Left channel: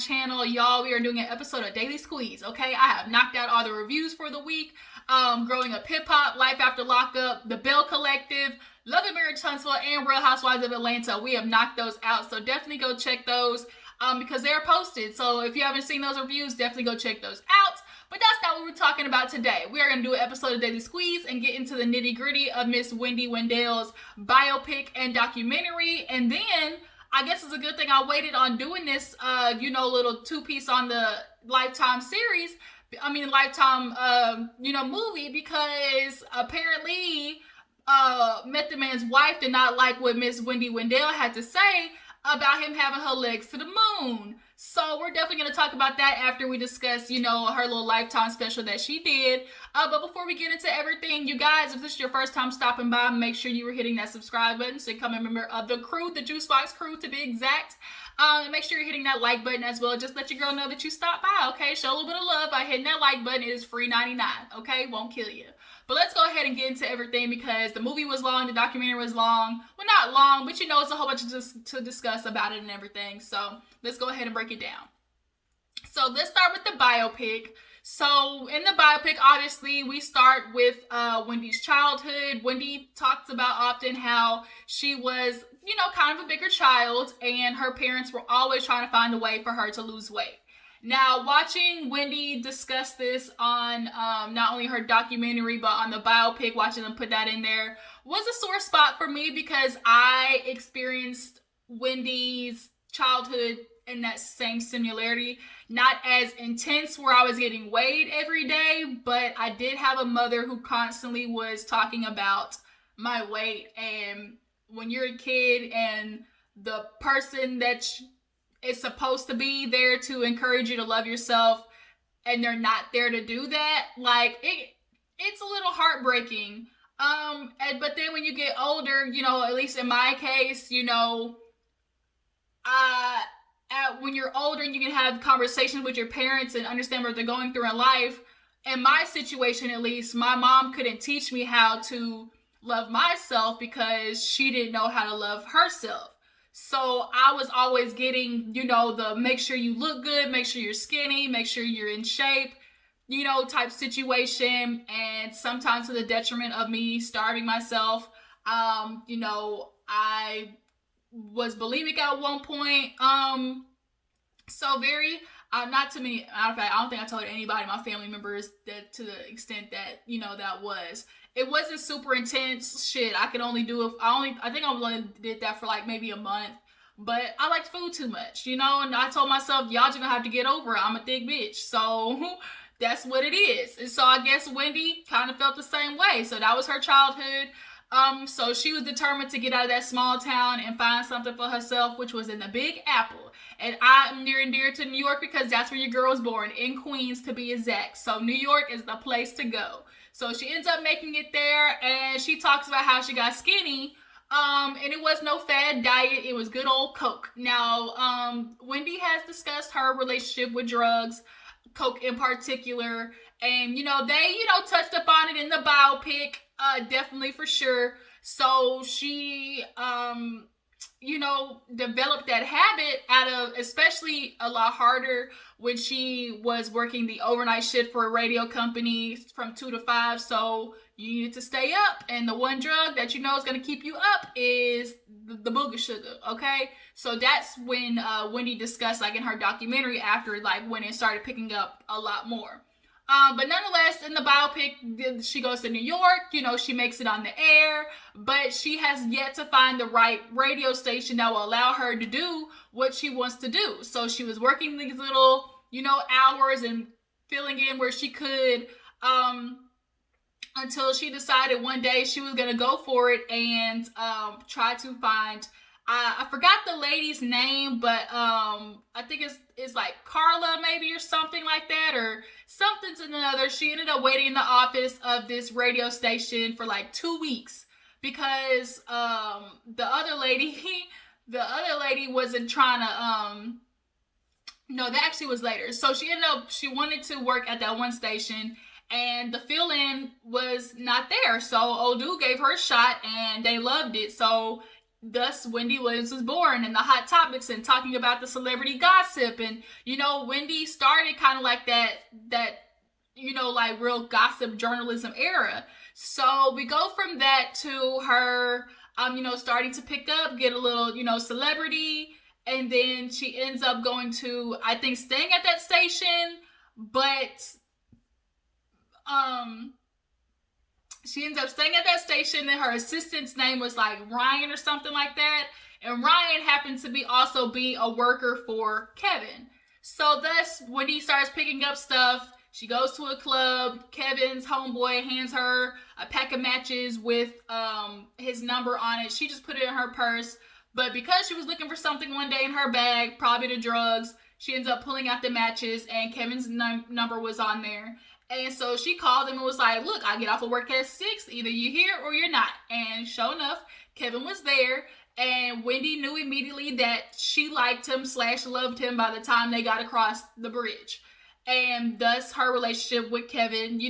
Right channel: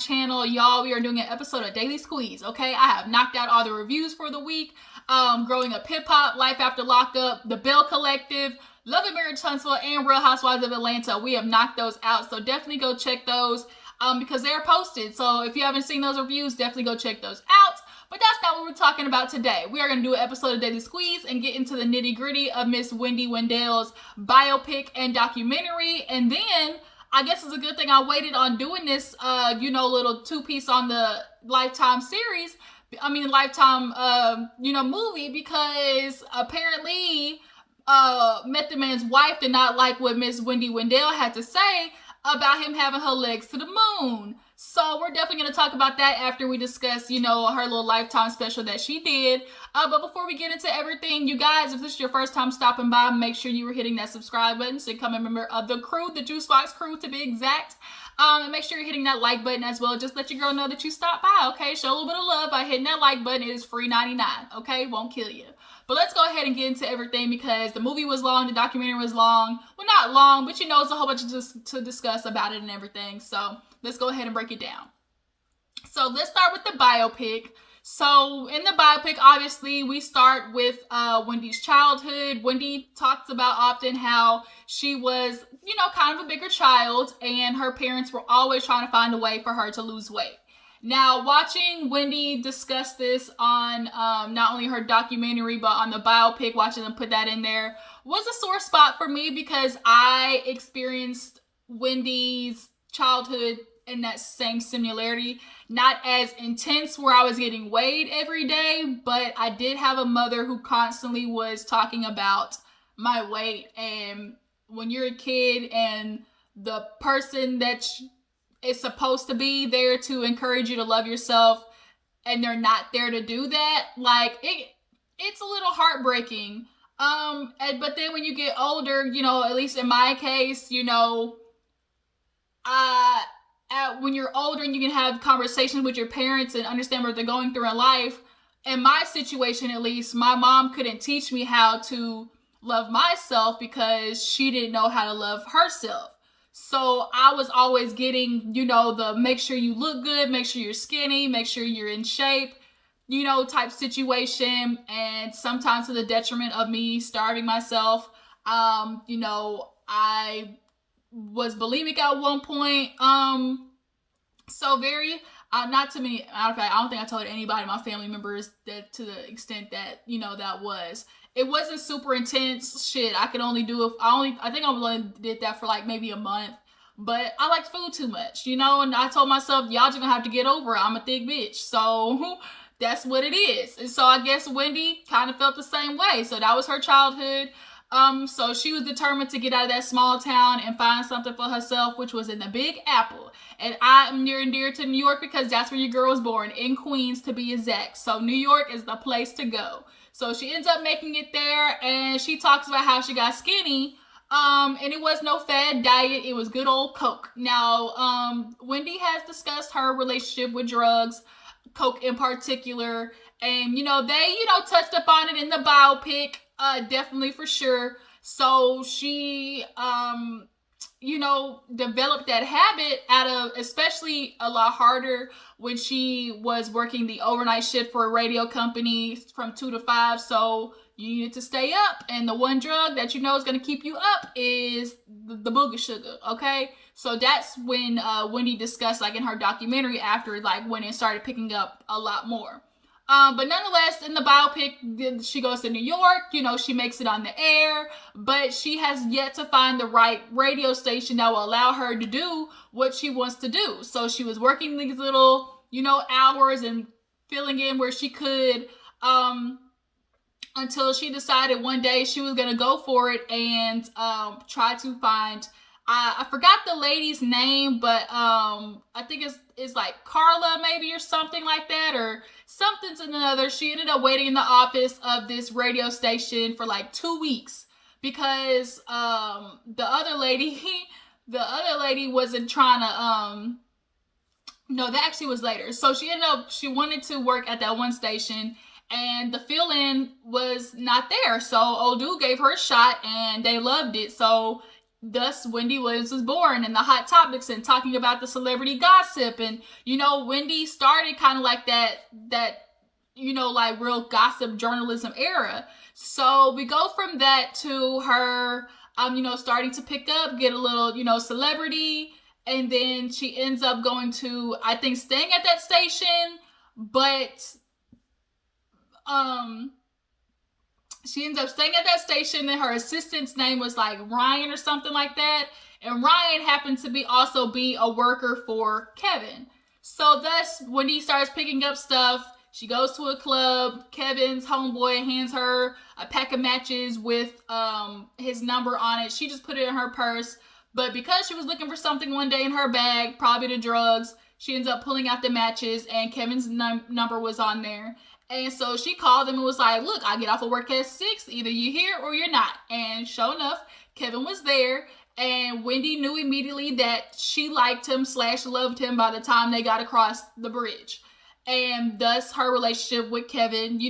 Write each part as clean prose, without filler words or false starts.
channel. Y'all, we are doing an episode of Daily Squeeze, okay? I have knocked out all the reviews for the week. Growing Up Hip Hop, Life After Lockup, The Bell Collective, Love and Marriage Huntsville, and Real Housewives of Atlanta. We have knocked those out, so definitely go check those because they're posted. So if you haven't seen those reviews, definitely go check those out. But that's not what we're talking about today. We are going to do an episode of Daily Squeeze and get into the nitty gritty of Miss Wendy Williams' biopic and documentary. And then I guess it's a good thing I waited on doing this, little two-piece on the Lifetime series. Lifetime, movie, because apparently Method Man's wife did not like what Miss Wendy Williams had to say about him having her legs to the moon. So we're definitely going to talk about that after we discuss, her little Lifetime special that she did. But before we get into everything, you guys, if this is your first time stopping by, make sure you were hitting that subscribe button so you become a member of the crew, the Juice Box crew to be exact. And make sure you're hitting that like button as well. Just let your girl know that you stopped by, okay? Show a little bit of love by hitting that like button. It is free 99, okay? Won't kill you. But let's go ahead and get into everything because the movie was long, the documentary was long. Well, not long, but it's a whole bunch to discuss about it and everything. So let's go ahead and break it down. So let's start with the biopic. So in the biopic, obviously, we start with Wendy's childhood. Wendy talks about often how she was, kind of a bigger child, and her parents were always trying to find a way for her to lose weight. Now, watching Wendy discuss this on not only her documentary, but on the biopic, watching them put that in there, was a sore spot for me because I experienced Wendy's childhood in that same similarity. Not as intense where I was getting weighed every day, but I did have a mother who constantly was talking about my weight. And when you're a kid and the person that is supposed to be there to encourage you to love yourself and they're not there to do that, it's a little heartbreaking. But then when you get older, at least in my case, when you're older and you can have conversations with your parents and understand what they're going through in life. In my situation, at least, my mom couldn't teach me how to love myself because she didn't know how to love herself. So I was always getting, the make sure you look good, make sure you're skinny, make sure you're in shape, type situation. And sometimes to the detriment of me starving myself. I was bulimic at one point. So very, not too many, matter of fact, I don't think I told anybody, my family members, that to the extent that, that was. It wasn't super intense. Shit, I could only do I think I only did that for maybe a month. But I liked food too much, and I told myself, y'all just gonna have to get over it. I'm a thick bitch. So that's what it is. And so I guess Wendy kind of felt the same way. So that was her childhood. So she was determined to get out of that small town and find something for herself, which was in the Big Apple. And I am near and dear to New York because that's where your girl was born, in Queens to be exact. So New York is the place to go. So she ends up making it there, and she talks about how she got skinny. And it was no fad diet. It was good old Coke. Now, Wendy has discussed her relationship with drugs, Coke in particular. And, they, touched upon it in the biopic, definitely for sure. So she, developed that habit especially a lot harder when she was working the overnight shift for a radio company from 2 to 5. So you needed to stay up. And the one drug that is going to keep you up is the booger sugar. Okay. So that's when Wendy discussed in her documentary after when it started picking up a lot more. But nonetheless, in the biopic, she goes to New York, she makes it on the air, but she has yet to find the right radio station that will allow her to do what she wants to do. So she was working these little, hours and filling in where she could, until she decided one day she was going to go for it and try to find, I forgot the lady's name, but I think it's Carla maybe or something like that, or something's in another. She ended up waiting in the office of this radio station for 2 weeks because the other lady wasn't trying to no, that actually was later. So she wanted to work at that one station and the fill-in was not there. So old dude gave her a shot and they loved it. So thus Wendy Williams was born, and the hot topics and talking about the celebrity gossip. And Wendy started kind of like that like real gossip journalism era. So we go from that to her starting to pick up, get a little celebrity, and then she ends up going to, I think, staying at that station, but she ends up staying at that station, and her assistant's name was like Ryan or something like that. And Ryan happened to be a worker for Kevin. So thus, when he starts picking up stuff, she goes to a club. Kevin's homeboy hands her a pack of matches with his number on it. She just put it in her purse. But because she was looking for something one day in her bag, probably the drugs, she ends up pulling out the matches, and Kevin's number was on there. And so she called him and was like, look, I get off of work at 6. Either you're here or you're not. And sure enough, Kevin was there. And Wendy knew immediately that she liked him / loved him by the time they got across the bridge. And thus her relationship with Kevin,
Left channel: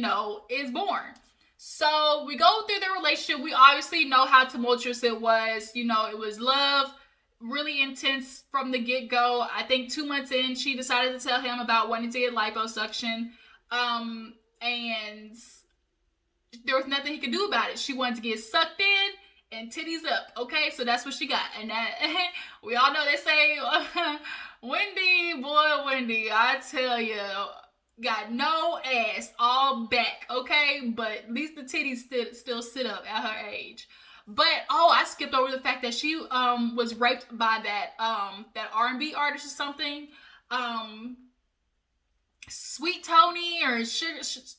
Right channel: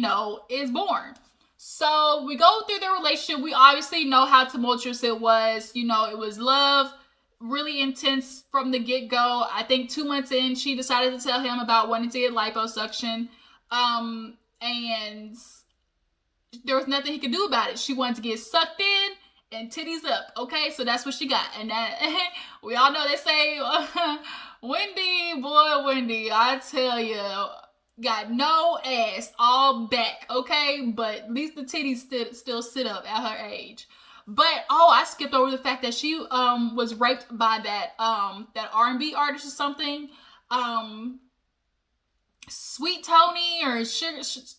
is born. So we go through their relationship. We obviously know how tumultuous it was. It was love, really intense from the get-go. I think 2 months in, she decided to tell him about wanting to get liposuction. And there was nothing he could do about it. She wanted to get sucked in and titties up. Okay, so that's what she got. And that we all know they say, Wendy, I tell you, got no ass, all back. Okay, but at least the titties still sit up at her age. But I skipped over the fact that she was raped by that R&B artist or something. Sweet Tony or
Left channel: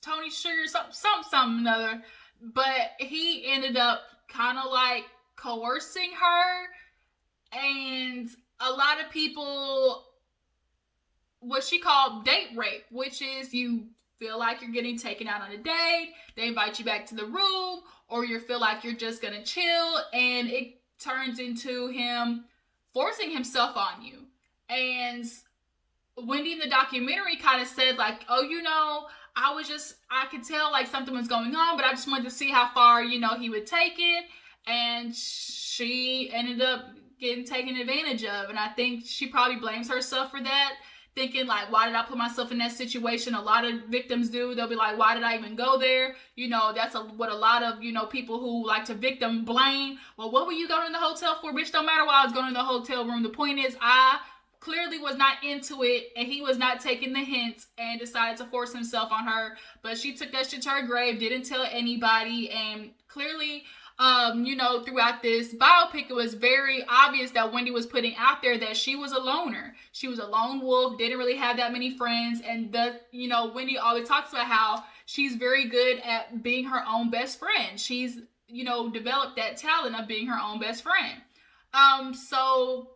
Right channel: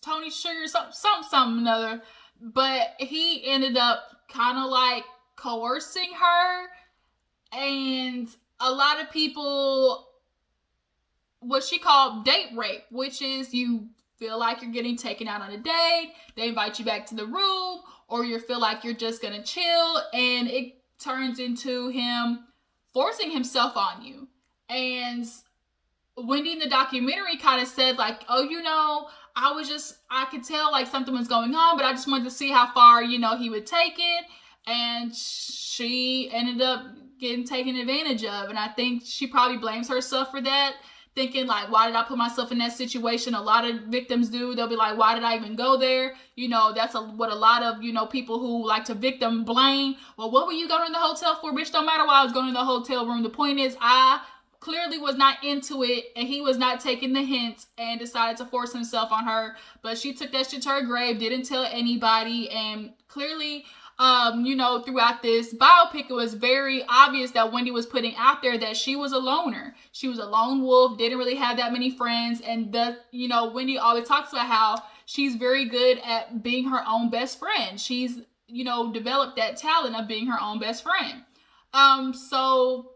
Tony Sugar, something another. But he ended up kind of like coercing her, and a lot of people, what she called date rape, which is you feel like you're getting taken out on a date, they invite you back to the room, or you feel like you're just gonna chill, and it turns into him forcing himself on you. And Wendy in the documentary kind of said like, I could tell like something was going on, but I just wanted to see how far, he would take it. And she ended up getting taken advantage of. And I think she probably blames herself for that, thinking like, why did I put myself in that situation? A lot of victims do. They'll be like, why did I even go there? That's what a lot of, people who like to victim blame. Well, what were you going in the hotel for? Bitch, don't matter why I was going in the hotel room. The point is, I clearly was not into it, and he was not taking the hints and decided to force himself on her. But she took that shit to her grave, didn't tell anybody, and clearly, throughout this biopic, it was very obvious that Wendy was putting out there that she was a loner. She was a lone wolf, didn't really have that many friends, and Wendy always talks about how she's very good at being her own best friend. She's, developed that talent of being her own best friend. So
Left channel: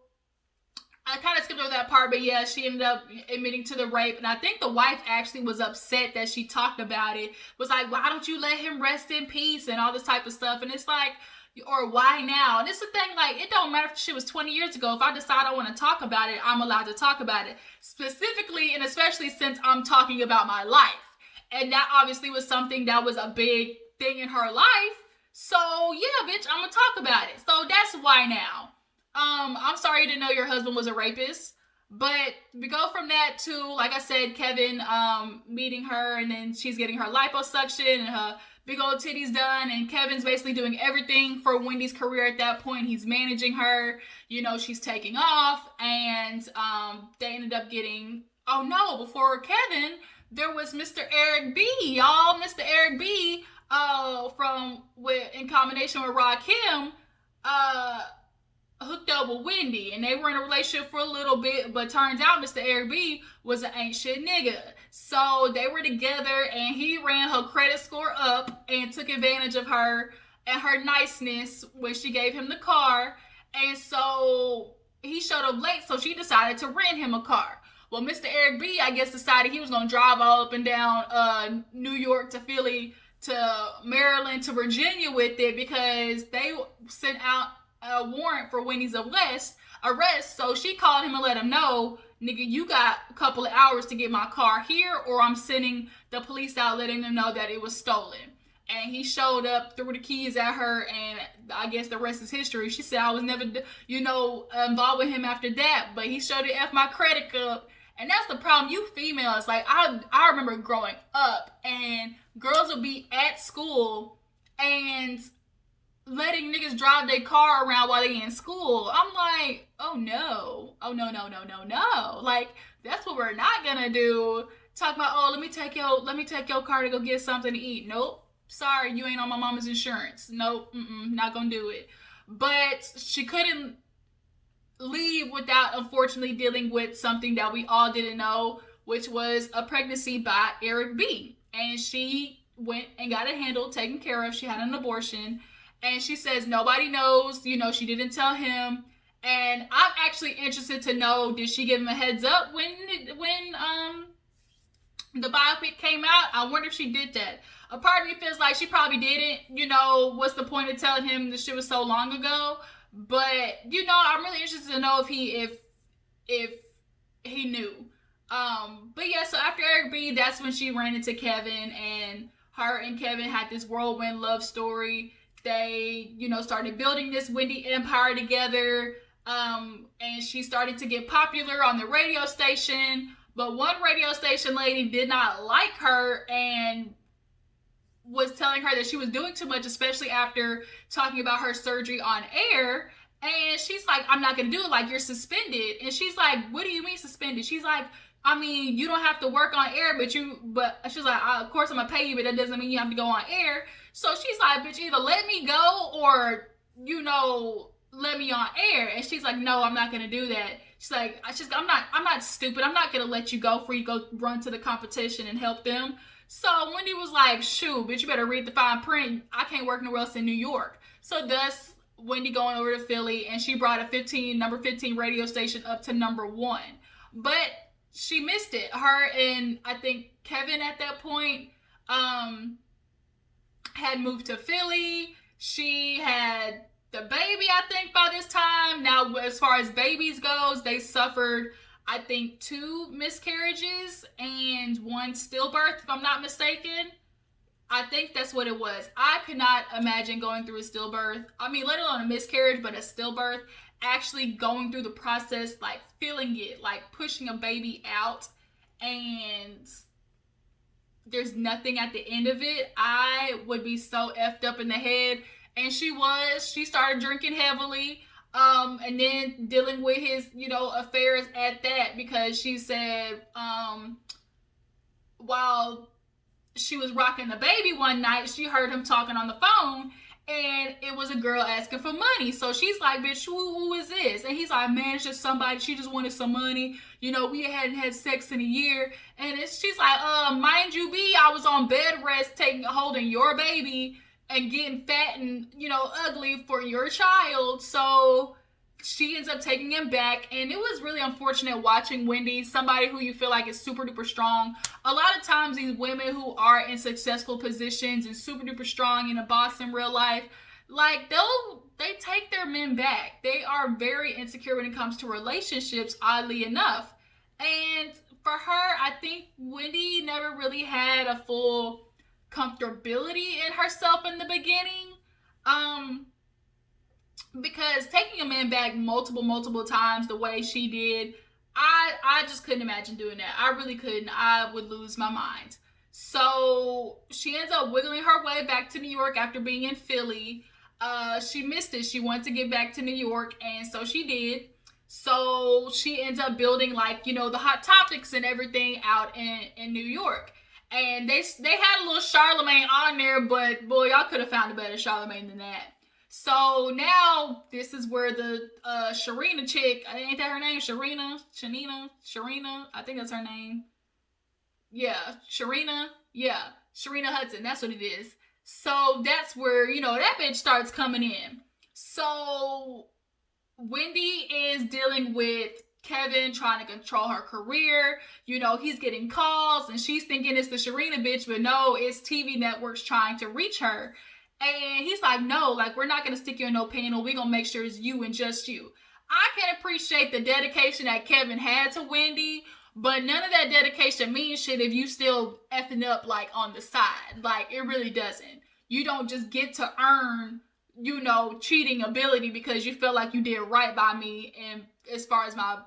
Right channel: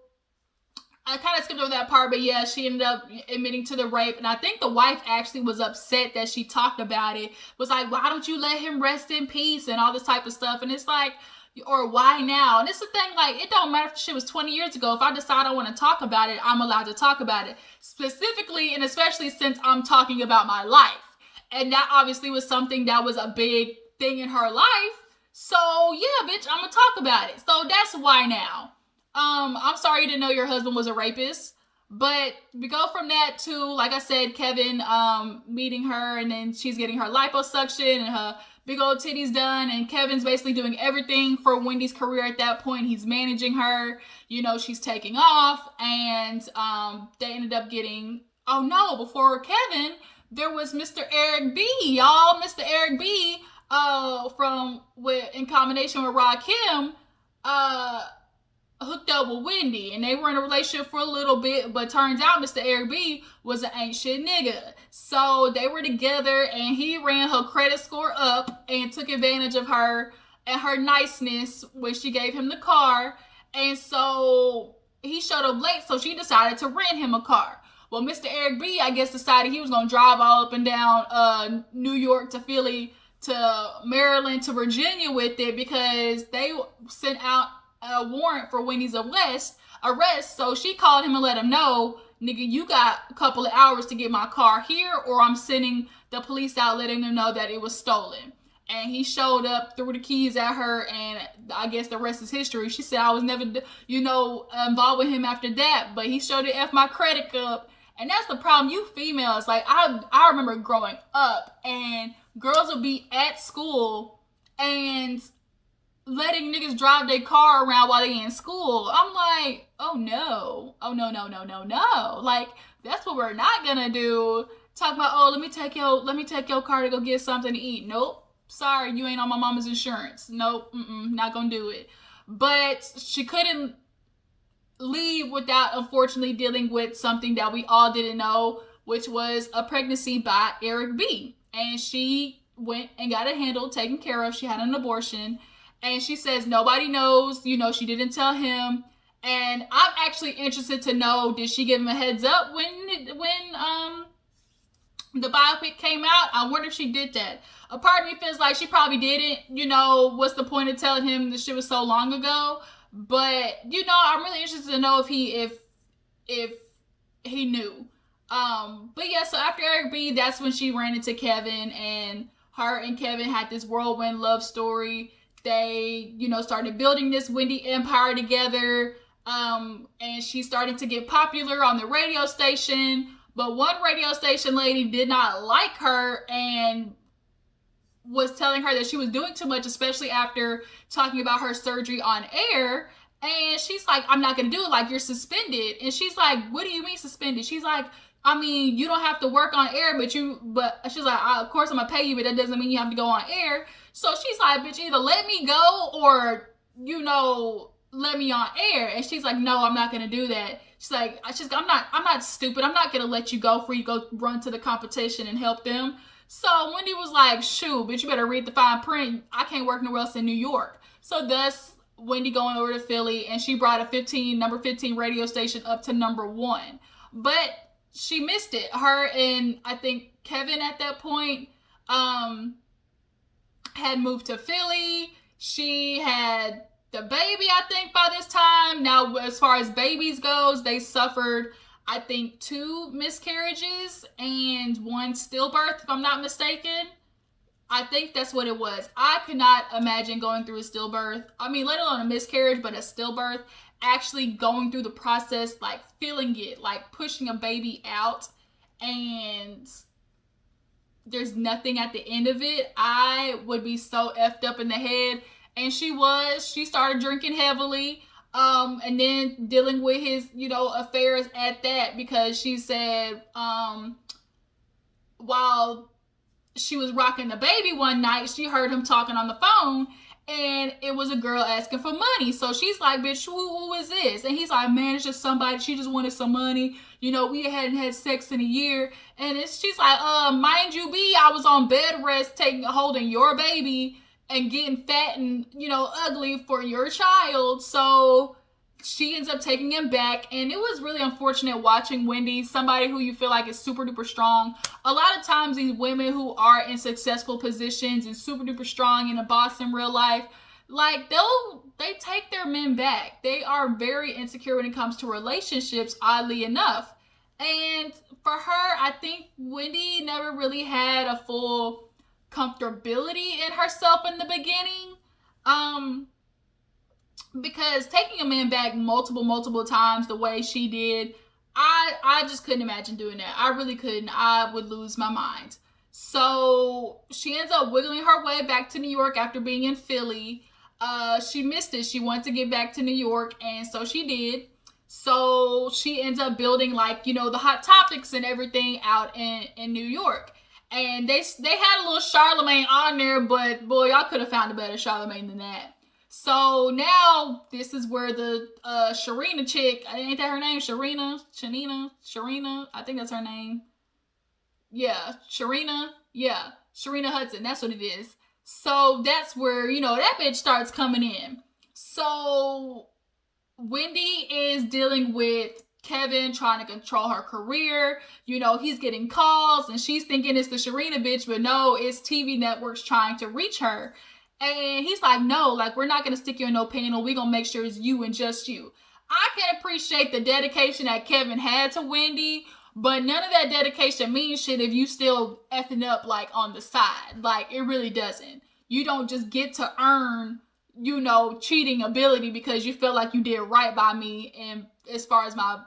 I kind of skipped over that part, but yeah, she ended up admitting to the rape. And I think the wife actually was upset that she talked about it. Was like, why don't you let him rest in peace and all this type of stuff. And it's like, or why now? And it's the thing, like, it don't matter if shit was 20 years ago. If I decide I want to talk about it, I'm allowed to talk about it. Specifically, and especially since I'm talking about my life. And that obviously was something that was a big thing in her life. So yeah, bitch, I'm going to talk about it. So that's why now. I'm sorry you didn't know your husband was a rapist, but we go from that to, like I said, Kevin, meeting her, and then she's getting her liposuction and her big old titties done, and Kevin's basically doing everything for Wendy's career at that point. He's managing her, she's taking off, and, they ended up getting, before Kevin, there was Mr. Eric B, y'all. Mr. Eric B, in combination with Rakim, hooked up with Wendy, and they were in a relationship for a little bit, but turns out Mr. Eric B was an ain't shit nigga. So they were together, and he ran her credit score up and took advantage of her and her niceness when she gave him the car. And so he showed up late, so she decided to rent him a car. Well, Mr. Eric B, I guess, decided he was going to drive all up and down New York to Philly to Maryland to Virginia with it, because they sent out a warrant for Wendy's arrest. So she called him and let him know, nigga, you got a couple of hours to get my car here, or I'm sending the police out letting them know that it was stolen. and he showed up, threw the keys at her, and I guess the rest is history. She said I was never, involved with him after that, but he showed to F my credit up. And that's the problem, you females. Like, I remember growing up, and girls would be at school and letting niggas drive their car around while they in school. I'm like, oh no. Oh no, no, no, no, no. Like, that's what we're not gonna do. Talk about, oh, let me take your car to go get something to eat. Nope. Sorry, you ain't on my mama's insurance. Nope, not gonna do it. But she couldn't leave without, unfortunately, dealing with something that we all didn't know, which was a pregnancy by Eric B. And she went and got it handled, taken care of. She had an abortion. And she says nobody knows, she didn't tell him. And I'm actually interested to know, did she give him a heads up when the biopic came out? I wonder if she did that. A part of me feels like she probably didn't. What's the point of telling him this shit was so long ago? But I'm really interested to know if he knew. But yeah, so after Eric B, that's when she ran into Kevin, and her and Kevin had this whirlwind love story. They, started building this Wendy empire together. And she started to get popular on the radio station. But one radio station lady did not like her and was telling her that she was doing too much, especially after talking about her surgery on air. And she's like, I'm not going to do it. Like, you're suspended. And she's like, what do you mean suspended? She's like, I mean, you don't have to work on air, but she's like, of course I'm going to pay you, but that doesn't mean you have to go on air. So she's like, bitch, either let me go or, let me on air. And she's like, no, I'm not going to do that. She's like, I'm not stupid. I'm not going to let you go before you go run to the competition and help them. So Wendy was like, shoot, bitch, you better read the fine print. I can't work nowhere else in New York. So thus, Wendy going over to Philly, and she brought a number 15 radio station up to number 1. But she missed it. Her and I think Kevin at that point had moved to Philly. She had the baby, I think, by this time. Now, as far as babies goes, they suffered, I think, 2 miscarriages and 1 stillbirth, if I'm not mistaken. I think that's what it was. I could not imagine going through a stillbirth. I mean, let alone a miscarriage, but a stillbirth. Actually going through the process, like feeling it, like pushing a baby out, and there's nothing at the end of it. I would be so effed up in the head. And she started drinking heavily, and then dealing with his, affairs at that, because she said, while she was rocking the baby one night, she heard him talking on the phone, and it was a girl asking for money. So she's like, bitch, who is this? And he's like, man, it's just somebody, she just wanted some money. We hadn't had sex in a year. And she's like, mind you be, I was on bed rest holding your baby and getting fat and, ugly for your child. So she ends up taking him back. And it was really unfortunate watching Wendy, somebody who you feel like is super duper strong. A lot of times these women who are in successful positions and super duper strong and a boss in real life, like they take their men back. They are very insecure when it comes to relationships, oddly enough. And for her, I think Wendy never really had a full comfortability in herself in the beginning. Because taking a man back multiple times the way she did, I just couldn't imagine doing that. I really couldn't. I would lose my mind. So she ends up wiggling her way back to New York after being in Philly. She missed it. She wanted to get back to New York, and so she did. So she ends up building, the hot topics and everything out in New York. And they had a little Charlemagne on there, but boy, y'all could have found a better Charlemagne than that. So now this is where the Sharina chick, ain't that her name? Sharina, I think that's her name. Yeah, Sharina Hudson, that's what it is. So that's where, that bitch starts coming in. So Wendy is dealing with Kevin trying to control her career. He's getting calls and she's thinking it's the Sharina bitch, but no, it's TV networks trying to reach her. And he's like, no, we're not going to stick you in no panel. We're going to make sure it's you and just you. I can appreciate the dedication that Kevin had to Wendy, but none of that dedication means shit if you still effing up on the side. It really doesn't. you don't just get to earn, cheating ability because you feel like you did right by me and as far as my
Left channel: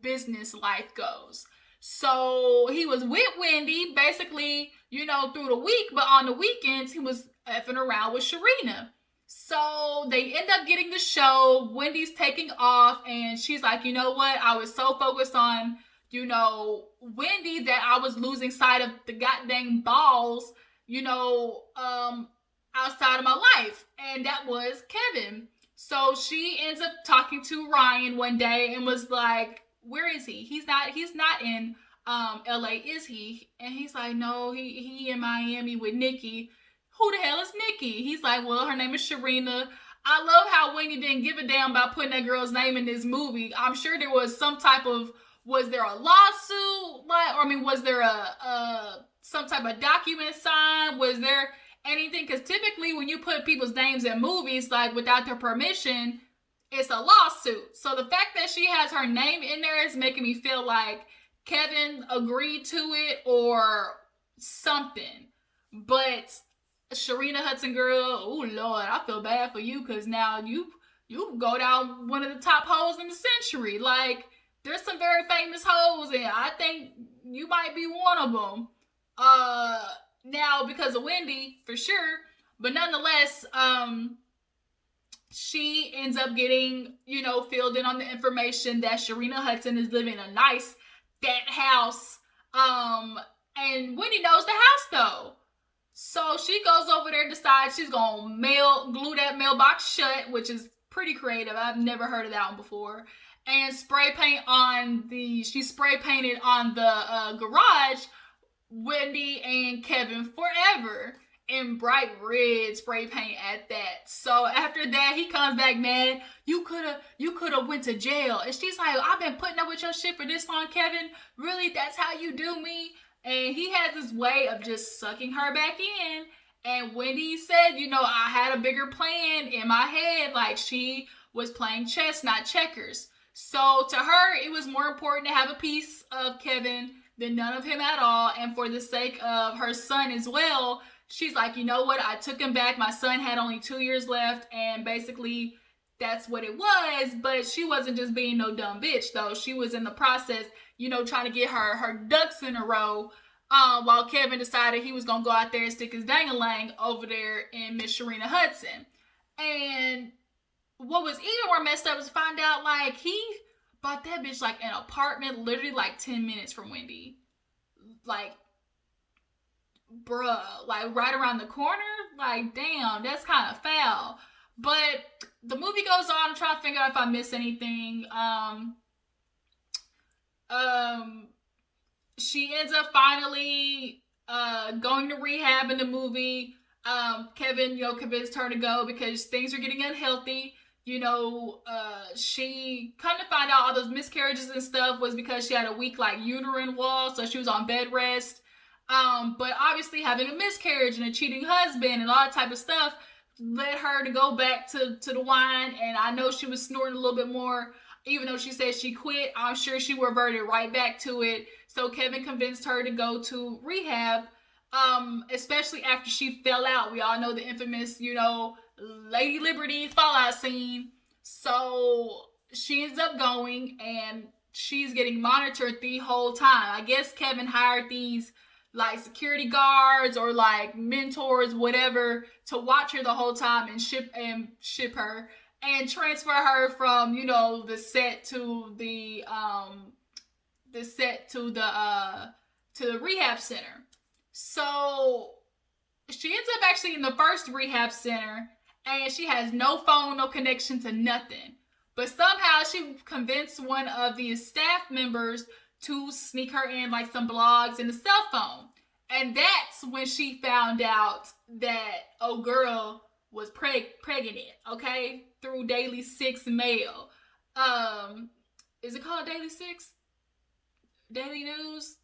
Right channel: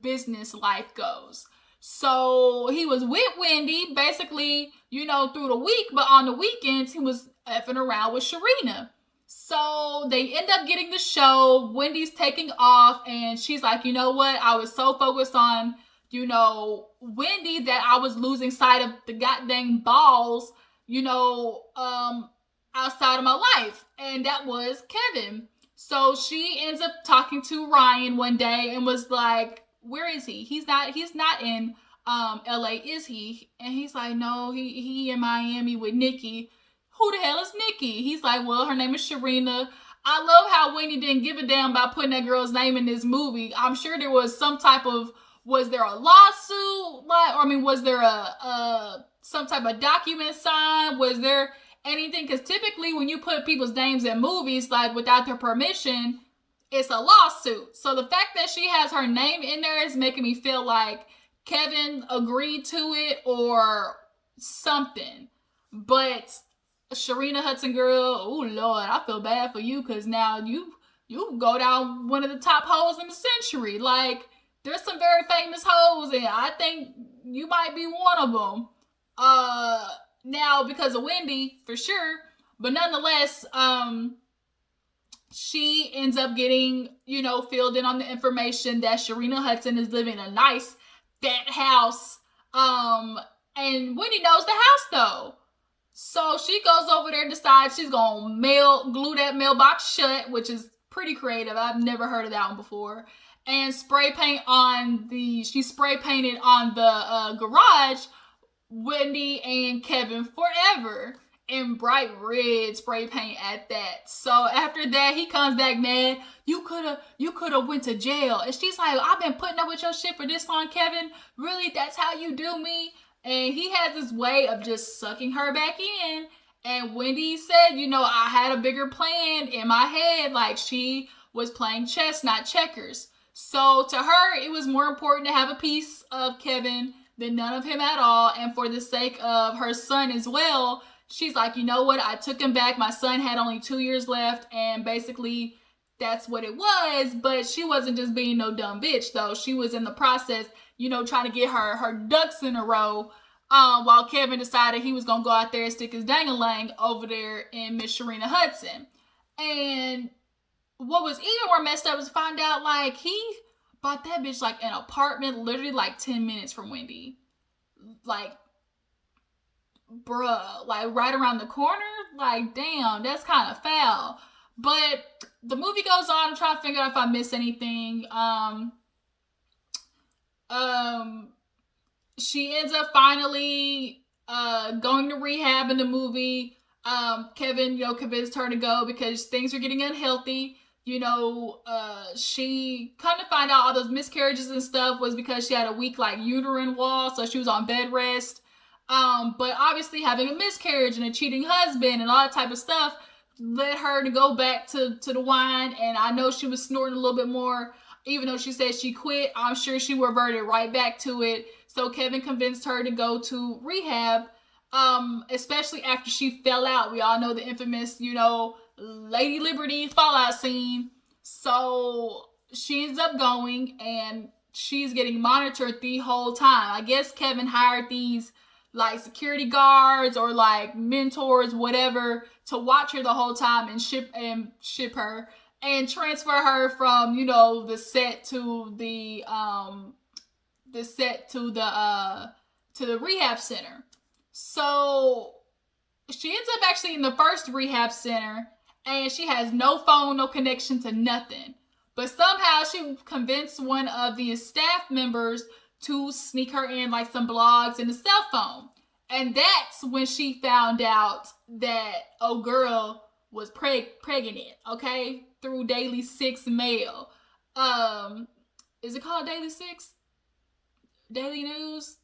business life goes. So he was with Wendy basically, through the week, but on the weekends he was effing around with Sharina. So they end up getting the show. Wendy's taking off, and she's like, you know what? I was so focused on, Wendy that I was losing sight of the goddamn balls, outside of my life. And that was Kevin. So she ends up talking to Ryan one day and was like, where is he? He's not in LA, is he? And he's like, no, he in Miami with Nikki. Who the hell is Nikki? He's like, well, her name is Sharina. I love how Wendy didn't give a damn about putting that girl's name in this movie. I'm sure there was some type of, was there a lawsuit? Was there a some type of document signed? Was there anything? Because typically when you put people's names in movies, like without their permission, it's a lawsuit. So the fact that she has her name in there is making me feel like Kevin agreed to it or something. But Sharina Hudson, girl, oh Lord, I feel bad for you because now you go down one of the top hoes in the century. Like, there's some very famous hoes, and I think you might be one of them. Now because of Wendy, for sure. But nonetheless, she ends up getting, filled in on the information that Sharina Hudson is living in a nice, fat house. And Wendy knows the house, though. So she goes over there, decides she's going to glue that mailbox shut, which is pretty creative. I've never heard of that one before. And she spray painted on the garage, Wendy and Kevin forever. In bright red spray paint at that. So after that, he comes back mad. You coulda went to jail. And she's like, I've been putting up with your shit for this long, Kevin. Really? That's how you do me? And he has this way of just sucking her back in. And Wendy said, I had a bigger plan in my head. Like, she was playing chess, not checkers. So to her, it was more important to have a piece of Kevin than none of him at all. And for the sake of her son as well, she's like, you know what? I took him back. My son had only 2 years left. And basically, that's what it was. But she wasn't just being no dumb bitch, though. She was in the process, trying to get her ducks in a row. While Kevin decided he was going to go out there and stick his dang-a-lang over there in Miss Sharina Hudson. And what was even more messed up was to find out, like, he bought that bitch, like, an apartment literally, like, 10 minutes from Wendy. Like, bruh, like, right around the corner? Like, damn, that's kind of foul. But the movie goes on. I'm trying to figure out if I missed anything. She ends up finally going to rehab in the movie. Kevin, convinced her to go because things are getting unhealthy. She kind of found out all those miscarriages and stuff was because she had a weak, like, uterine wall, so she was on bed rest. But obviously having a miscarriage and a cheating husband and all that type of stuff led her to go back to the wine. And I know she was snorting a little bit more. Even though she said she quit, I'm sure she reverted right back to it. So Kevin convinced her to go to rehab, especially after she fell out. We all know the infamous, Lady Liberty fallout scene. So she ends up going, and she's getting monitored the whole time. I guess Kevin hired these, like, security guards or, like, mentors, whatever, to watch her the whole time and ship her and transfer her from, the set to the rehab center. So she ends up actually in the first rehab center, and she has no phone, no connection to nothing. But somehow she convinced one of the staff members to sneak her in, like, some blogs and a cell phone. And that's when she found out that girl was pregnant, okay? Through Daily 6 mail. Is it called Daily 6? Daily News?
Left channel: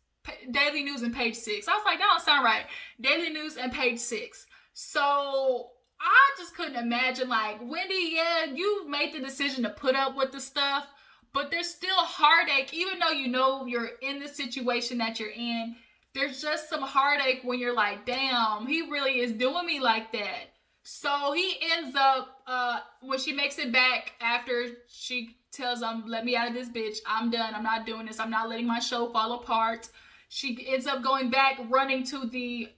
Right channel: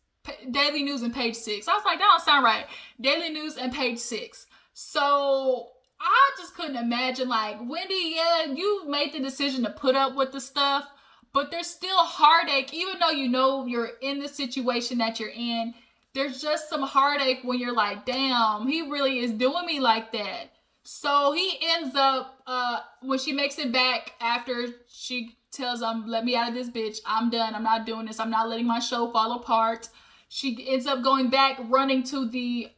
Daily News and Page 6. I was like, that don't sound right. Daily News and Page 6. So I just couldn't imagine, like, Wendy, yeah, you made the decision to put up with the stuff, but there's still heartache, even though you're in the situation that you're in. there's just some heartache when you're like, damn, he really is doing me like that. So he ends up, when she makes it back after she tells him, let me out of this bitch, I'm done, I'm not doing this, I'm not letting my show fall apart. She ends up going back, running to the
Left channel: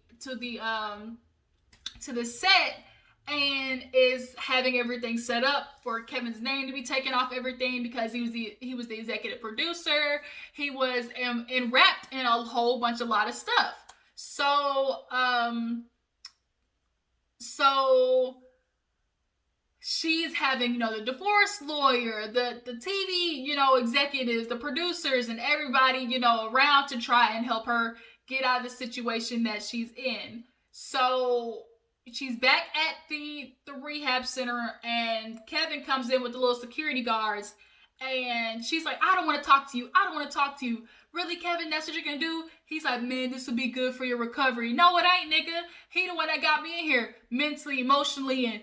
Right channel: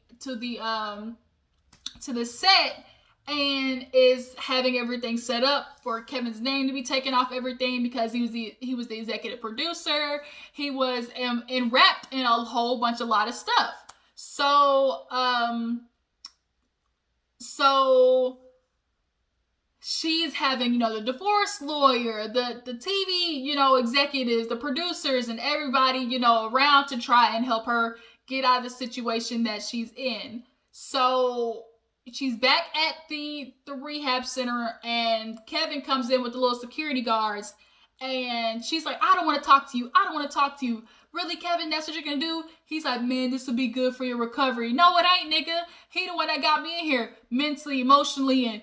set, and is having everything set up for Kevin's name to be taken off everything, because he was the executive producer. He was wrapped in a whole bunch, a lot of stuff. So she's having, the divorce lawyer, the TV, executives, the producers, and everybody, around to try and help her get out of the situation that she's in. So she's back at the rehab center, and Kevin comes in with the little security guards, and she's like, I don't want to talk to you. I don't want to talk to you. Really, Kevin, that's what you're going to do? He's like, man, this will be good for your recovery. No, it ain't, nigga. He the one that got me in here mentally, emotionally, and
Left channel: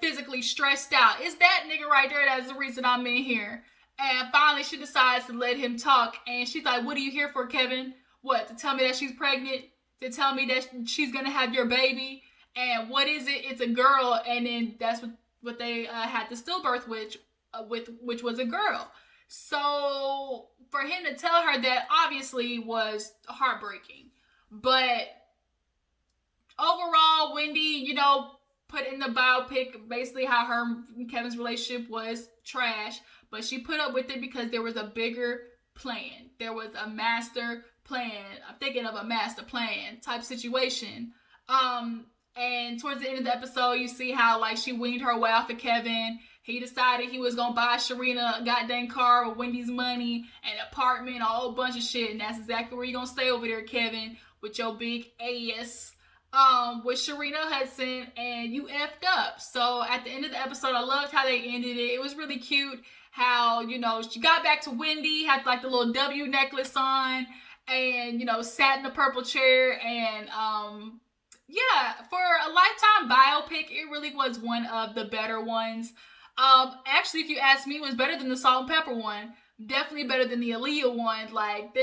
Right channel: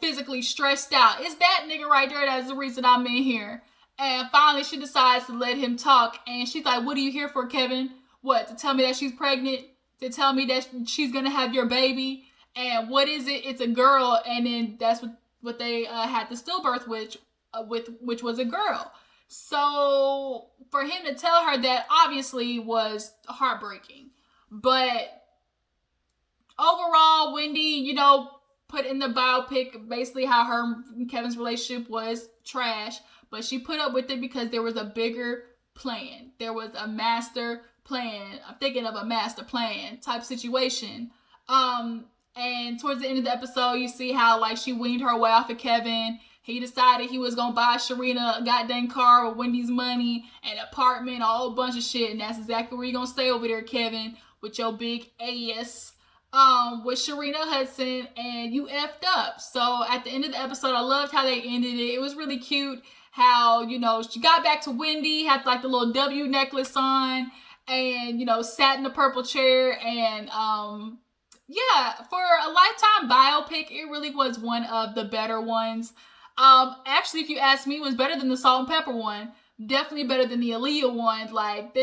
physically stressed out. It's that nigga right there that's the reason I'm in here. And finally, she decides to let him talk, and she's like, what are you here for, Kevin? What, to tell me that she's pregnant? To tell me that she's going to have your baby? And what is it? It's a girl. And then that's what they had the stillbirth which was a girl. So for him to tell her that, obviously was heartbreaking. But overall, Wendy, put in the biopic basically how her and Kevin's relationship was trash. But she put up with it because there was a bigger plan. There was a master plan. I'm thinking of a master plan type situation. And towards the end of the episode, you see how, like, she weaned her way off of Kevin. He decided he was going to buy Sharina a goddamn car with Wendy's money, an apartment, a whole bunch of shit. And that's exactly where you're going to stay over there, Kevin, with your big ass, with Sharina Hudson, and you effed up. So at the end of the episode, I loved how they ended it. It was really cute how, she got back to Wendy, had, like, the little W necklace on, and, sat in the purple chair, and, yeah, for a Lifetime biopic, it really was one of the better ones. Actually, if you ask me, it was better than the Salt and Pepper one. Definitely better than the Aaliyah one. Like,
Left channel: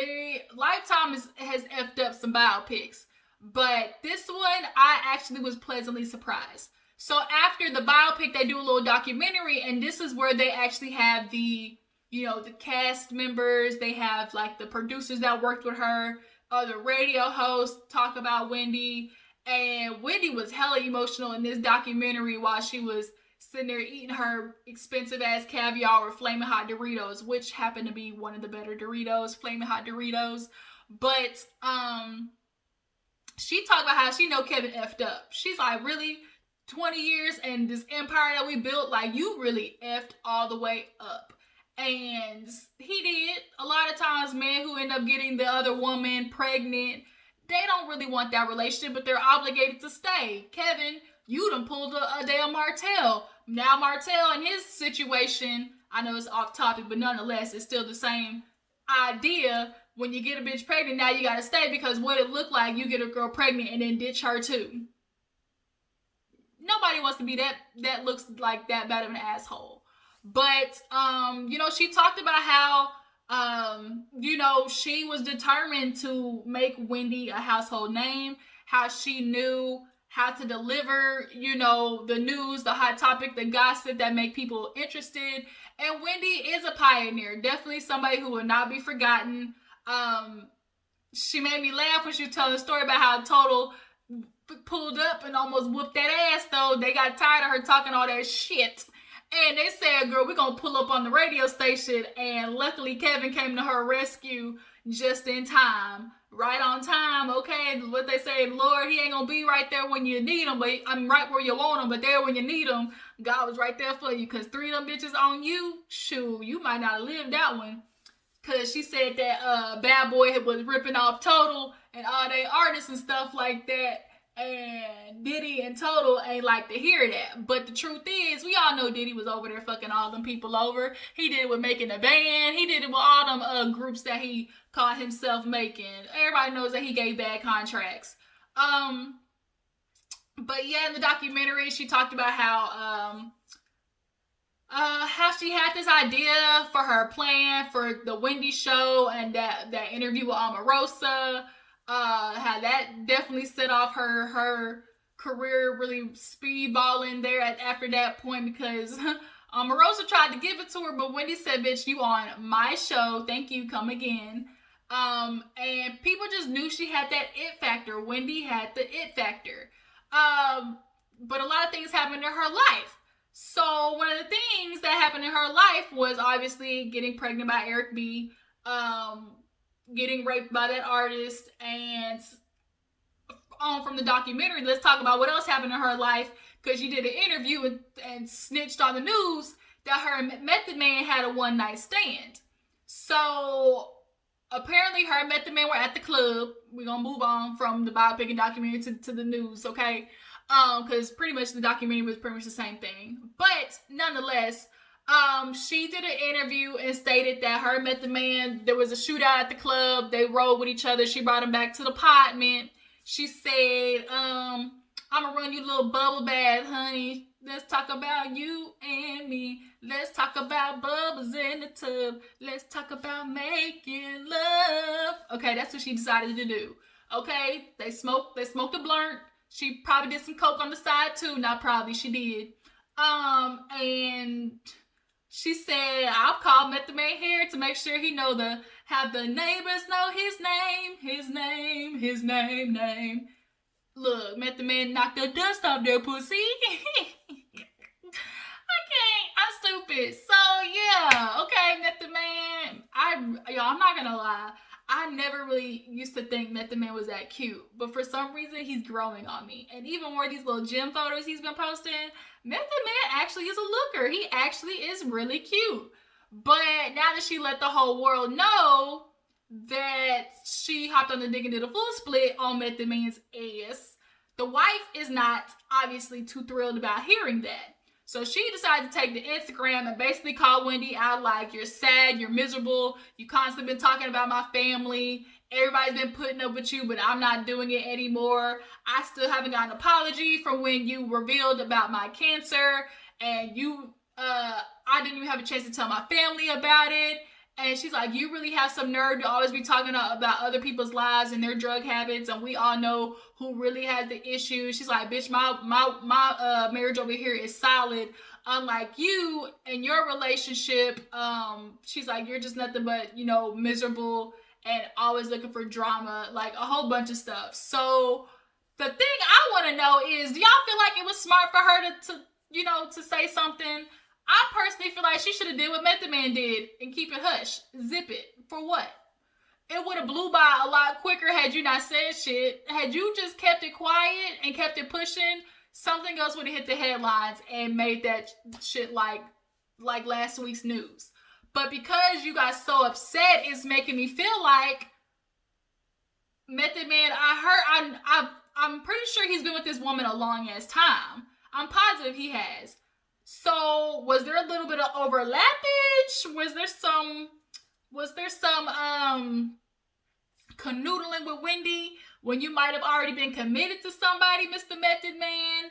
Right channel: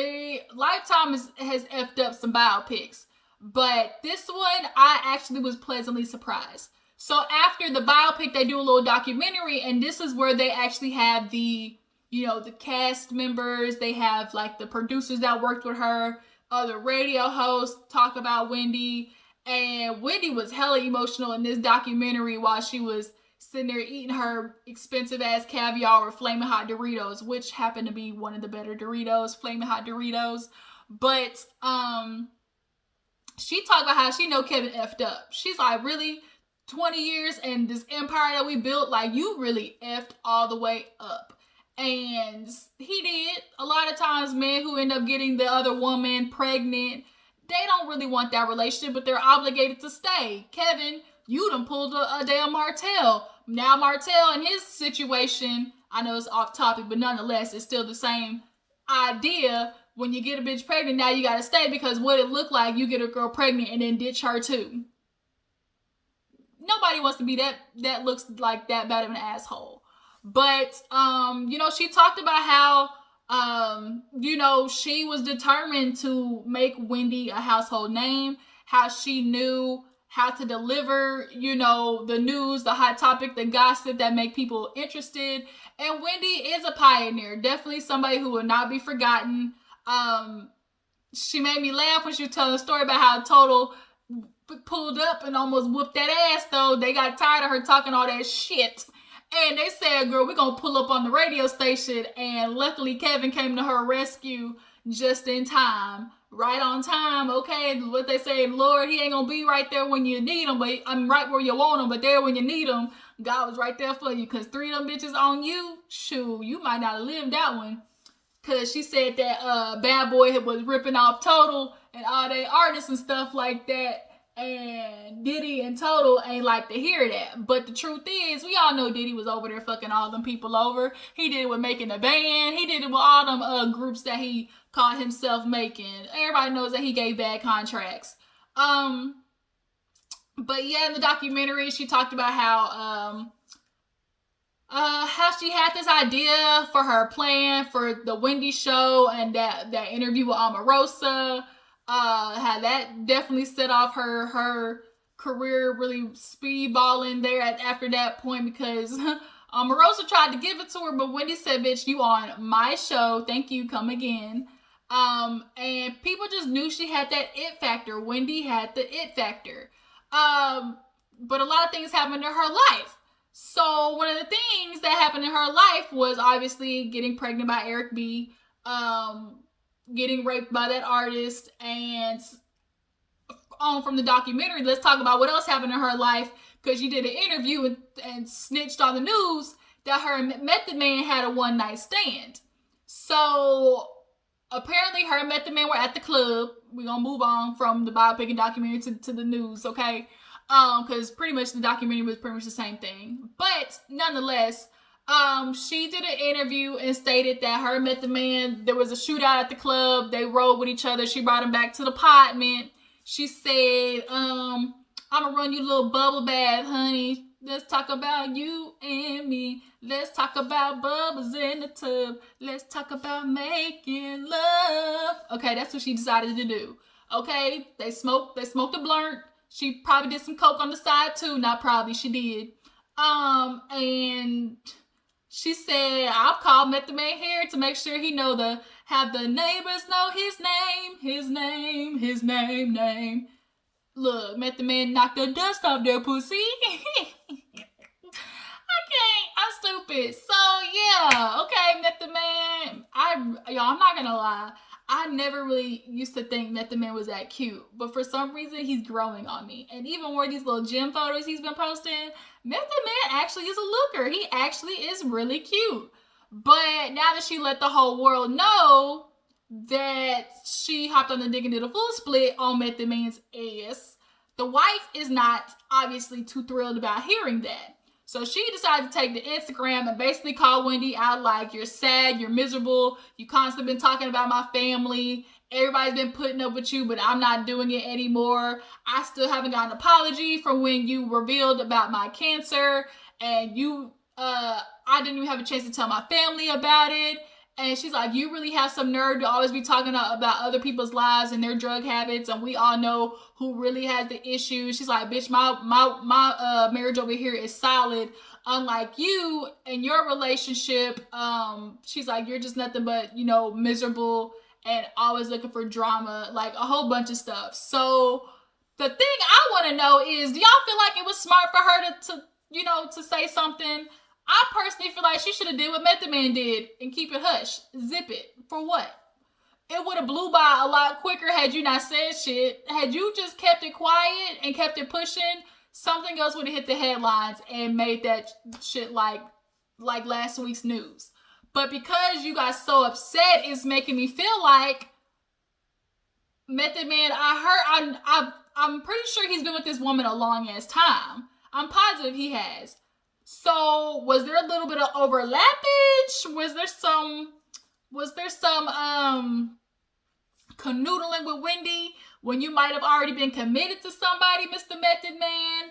Lifetime has effed up some biopics. But this one, I actually was pleasantly surprised. So after the biopic, they do a little documentary, and this is where they actually have the cast members. They have, like, the producers that worked with her, the radio hosts talk about Wendy. And Wendy was hella emotional in this documentary while she was sitting there eating her expensive ass caviar with Flamin' Hot Doritos, which happened to be one of the better Doritos, Flamin' Hot Doritos. But she talked about how she know Kevin effed up. She's like, really? 20 years and this empire that we built, like, you really effed all the way up. And he did. A lot of times, men who end up getting the other woman pregnant, they don't really want that relationship, but they're obligated to stay. Kevin, you done pulled a damn Martell. Now Martell in his situation, I know it's off topic, but nonetheless, it's still the same idea. When you get a bitch pregnant, now you gotta stay, because what it look like, you get a girl pregnant and then ditch her too. Nobody wants to be that looks like that bad of an asshole. But, she talked about how, she was determined to make Wendy a household name, how she knew how to deliver, the news, the hot topic, the gossip that make people interested. And Wendy is a pioneer, definitely somebody who will not be forgotten. She made me laugh when she was telling the story about how Total pulled up and almost whooped that ass, though. They got tired of her talking all that shit. And they said, girl, we're going to pull up on the radio station. And luckily, Kevin came to her rescue just in time. Right on time, okay? What they say, Lord, he ain't going to be right there when you need him, but I'm right where you want him, but there when you need him, God was right there for you. Because 3 of them bitches on you, shoot, you might not have lived that one. Because she said that Bad Boy was ripping off Total and all they artists and stuff like that. And Diddy and Total ain't like to hear that. But the truth is, we all know Diddy was over there fucking all them people over. He did it with making a band. He did it with all them groups that he caught himself making. Everybody knows that he gave bad contracts. But yeah, in the documentary, she talked about how she had this idea for her plan for the Wendy show and that interview with Omarosa. How that definitely set off her career really speedballing there after that point because Marosa tried to give it to her, but Wendy said, "Bitch, you on my show? Thank you. Come again." And people just knew she had that it factor. Wendy had the it factor. But a lot of things happened in her life. So one of the things that happened in her life was obviously getting pregnant by Eric B, getting raped by that artist, and from the documentary, let's talk about what else happened in her life, because she did an interview and snitched on the news that her and Method Man had a one night stand. So apparently her and Method Man were at the club. We're gonna move on from the biopic and documentary to the news, okay? Because pretty much the documentary was pretty much the same thing. But nonetheless, she did an interview and stated that her and Method Man, there was a shootout at the club. They rode with each other. She brought him back to the apartment. She said, I'm gonna run you a little bubble bath, honey. Let's talk about you and me. Let's talk about bubbles in the tub. Let's talk about making love. Okay, that's what she decided to do. Okay, they smoked a blunt. She probably did some coke on the side too. Not probably, she did. And she said, I'll call Method Man here to make sure he have the neighbors know his name. Look, Method Man knocked the dust off their pussy. I'm stupid. So yeah, okay, Method Man. I'm not gonna lie. I never really used to think Method Man was that cute, but for some reason he's growing on me. And even more these little gym photos he's been posting, Method Man actually is a looker. He actually is really cute. But now that she let the whole world know that she hopped on the dick and did a full split on Method Man's ass, the wife is not obviously too thrilled about hearing that. So she decided to take to Instagram and basically call Wendy out like, you're sad, you're miserable, you constantly been talking about my family, everybody's been putting up with you, but I'm not doing it anymore. I still haven't got an apology from when you revealed about my cancer, and I didn't even have a chance to tell my family about it. And she's like, you really have some nerve to always be talking about other people's lives and their drug habits, and we all know who really has the issues. She's like, bitch, my marriage over here is solid. Unlike you and your relationship, she's like, you're just nothing but, miserable and always looking for drama, like a whole bunch of stuff. So the thing I want to know is, do y'all feel like it was smart for her to say something? I personally feel like she should have did what Method Man did and keep it hush. Zip it. For what? It would have blew by a lot quicker had you not said shit. Had you just kept it quiet and kept it pushing, something else would have hit the headlines and made that shit like last week's news. But because you got so upset, it's making me feel like Method Man, I'm pretty sure he's been with this woman a long ass time. I'm positive he has. So was there a little bit of overlappage? Was there some canoodling with Wendy when you might have already been committed to somebody, Mr. Method Man?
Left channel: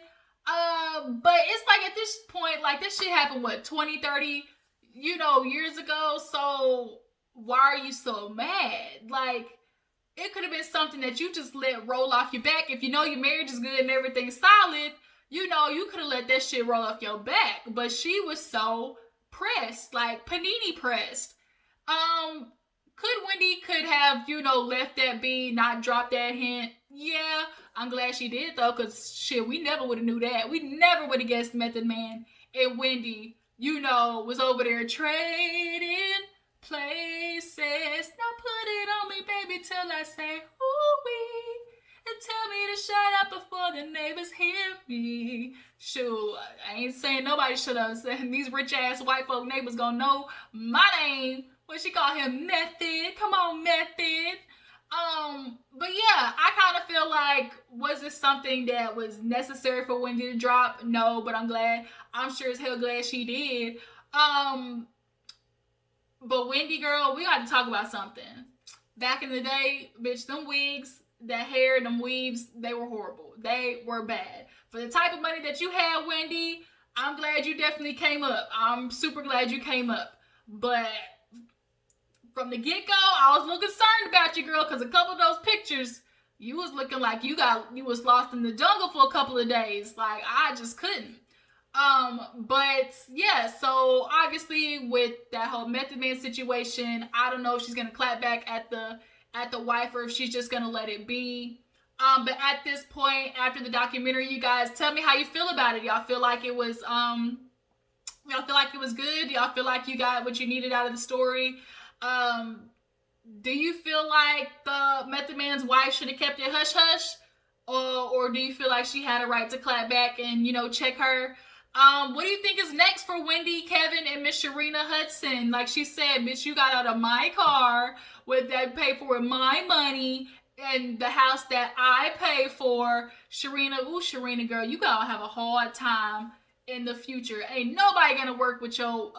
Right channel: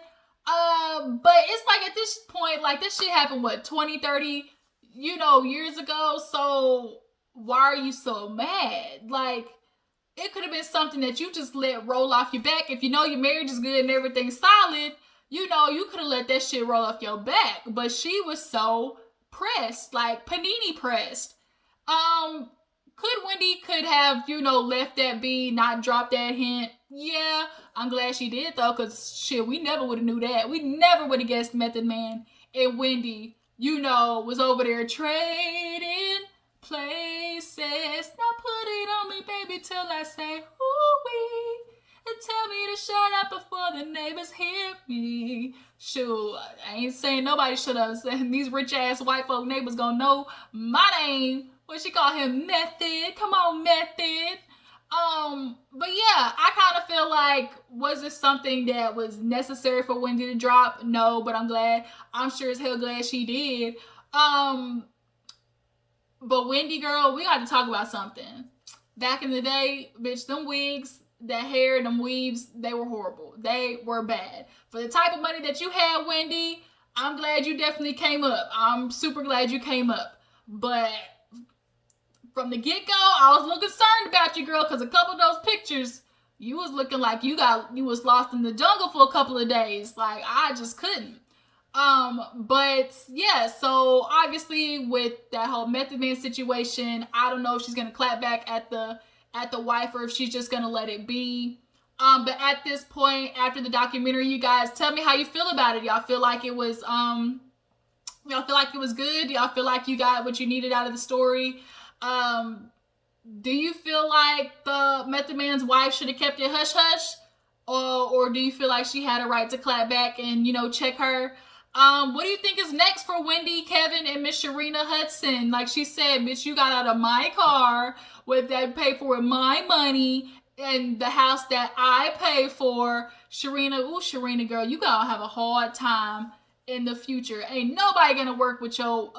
But it's like at this point, like this shit happened, 20, 30, years ago. So why are you so mad? Like, it could have been something that you just let roll off your back. If your marriage is good and everything's solid, you could have let that shit roll off your back. But she was so pressed, like panini pressed. Wendy could have, left that be, not dropped that hint. Yeah, I'm glad she did though, because shit, we never would have knew that. We never would have guessed Method Man and Wendy, was over there trading places. Now put it on me, baby, till I say, ooh-wee. And tell me to shut up before the neighbors hear me. Shoot, I ain't saying nobody should have. These rich ass white folk neighbors gonna know my name. What she call him? Method. Come on, Method. But yeah, I kind of feel like, was this something that was necessary for Wendy to drop? No, but I'm sure as hell glad she did. But Wendy, girl, we got to talk about something. Back in the day, bitch, them wigs, that hair, them weaves, they were horrible. They were bad. For the type of money that you had, Wendy, I'm glad you definitely came up. I'm super glad you came up. But from the get-go, I was a little concerned about you, girl, because a couple of those pictures you was looking like you was lost in the jungle for a couple of days. Like, I just couldn't. But yeah, so obviously with that whole Method Man situation, I don't know if she's gonna clap back at the wife or if she's just gonna let it be. But at this point, after the documentary, you guys tell me how you feel about it. Y'all feel like it was y'all feel like it was good? Y'all feel like you got what you needed out of the story? Do you feel like the Method Man's wife should have kept it hush hush? Or do you feel like she had a right to clap back and, you know, check her? What do you think is next for Wendy, Kevin, and Miss Sharina Hudson? Like she said, bitch, you got out of my car with that paid for with my money and the house that I pay for. Sharina, girl, you gotta have a hard time in the future. Ain't nobody gonna work with your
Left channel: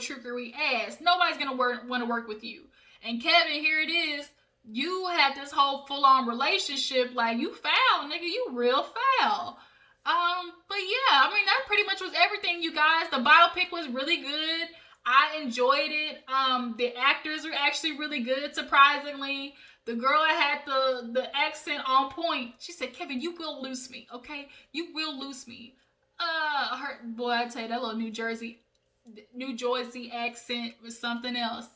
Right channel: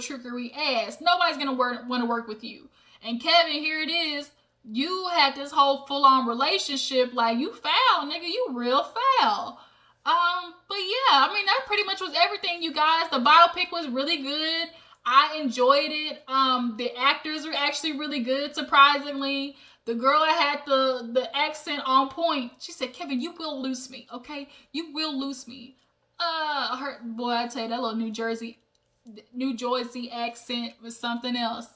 trickery ass. Nobody's gonna want to work with you. And Kevin, here it is. You had this whole full-on relationship. Like, you foul, nigga. You real foul. But yeah, I mean, that pretty much was everything, you guys. The biopic was really good. I enjoyed it. The actors were actually really good, surprisingly. The girl that had the accent on point, she said, Kevin, you will lose me, okay? You will lose me. Boy, I tell you, that little New Jersey accent was something else.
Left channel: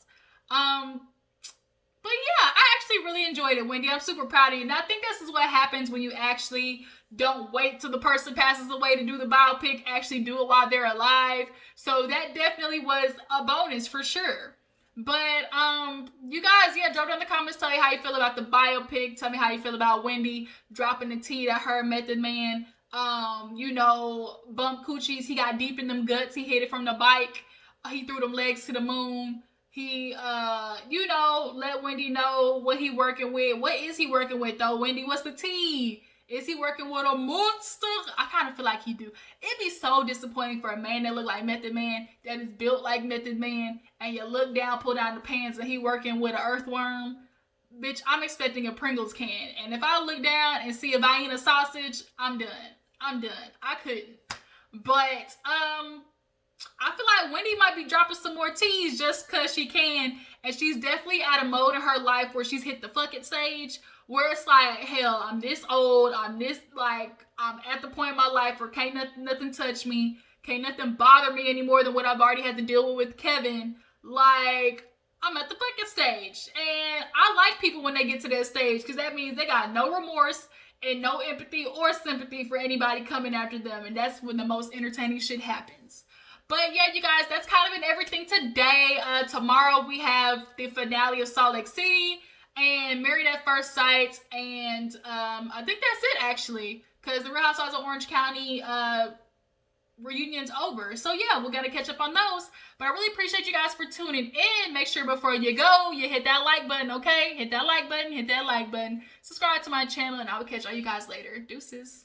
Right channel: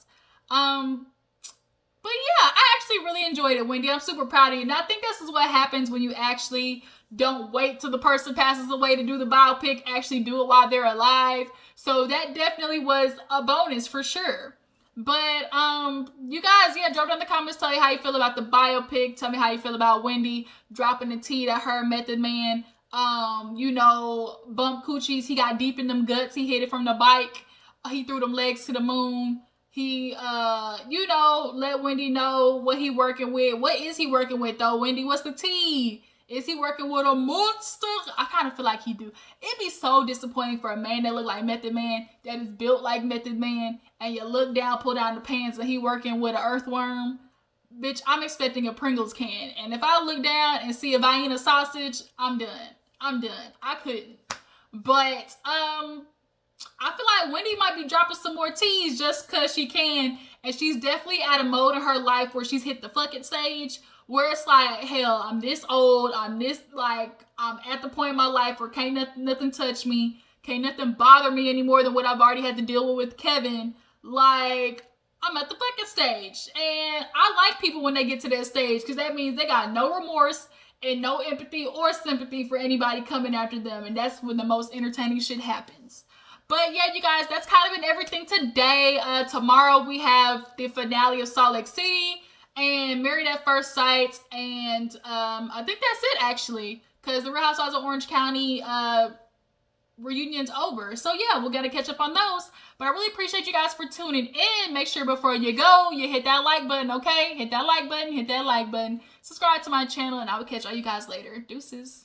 But yeah, I actually really enjoyed it, Wendy. I'm super proud of you. And I think this is what happens when you actually don't wait till the person passes away to do the biopic, actually do it while they're alive. So that definitely was a bonus for sure. But you guys, yeah, drop down in the comments, tell me how you feel about the biopic. Tell me how you feel about Wendy dropping the tea that her Method Man, you know, bump coochies. He got deep in them guts. He hit it from the bike. He threw them legs to the moon. He, you know, let Wendy know what he working with. What is he working with, though, Wendy? What's the tea? Is he working with a monster? I kind of feel like he do. It'd be so disappointing for a man that look like Method Man, that is built like Method Man, and you look down, pull down the pants, and he working with an earthworm. Bitch, I'm expecting a Pringles can. And if I look down and see a Vienna sausage, I'm done. I couldn't. But, I feel like Wendy might be dropping some more teas just because she can. And she's definitely at a mode in her life where she's hit the fuck it stage. Where it's like, hell, I'm this old. I'm at the point in my life where can't nothing touch me. Can't nothing bother me any more than what I've already had to deal with Kevin. Like, I'm at the fuck it stage. And I like people when they get to that stage because that means they got no remorse and no empathy or sympathy for anybody coming after them. And that's when the most entertaining shit happens. But yeah, you guys, that's kind of been everything today. Tomorrow we have the finale of Salt Lake City and Married at First Sight. And I think that's it, actually. Because the Real Housewives of Orange County reunion's over. So yeah, we're going to catch up on those. But I really appreciate you guys for tuning in. Make sure before you go, you hit that like button, okay? Hit that like button, subscribe to my channel, and I will catch all you guys later. Deuces.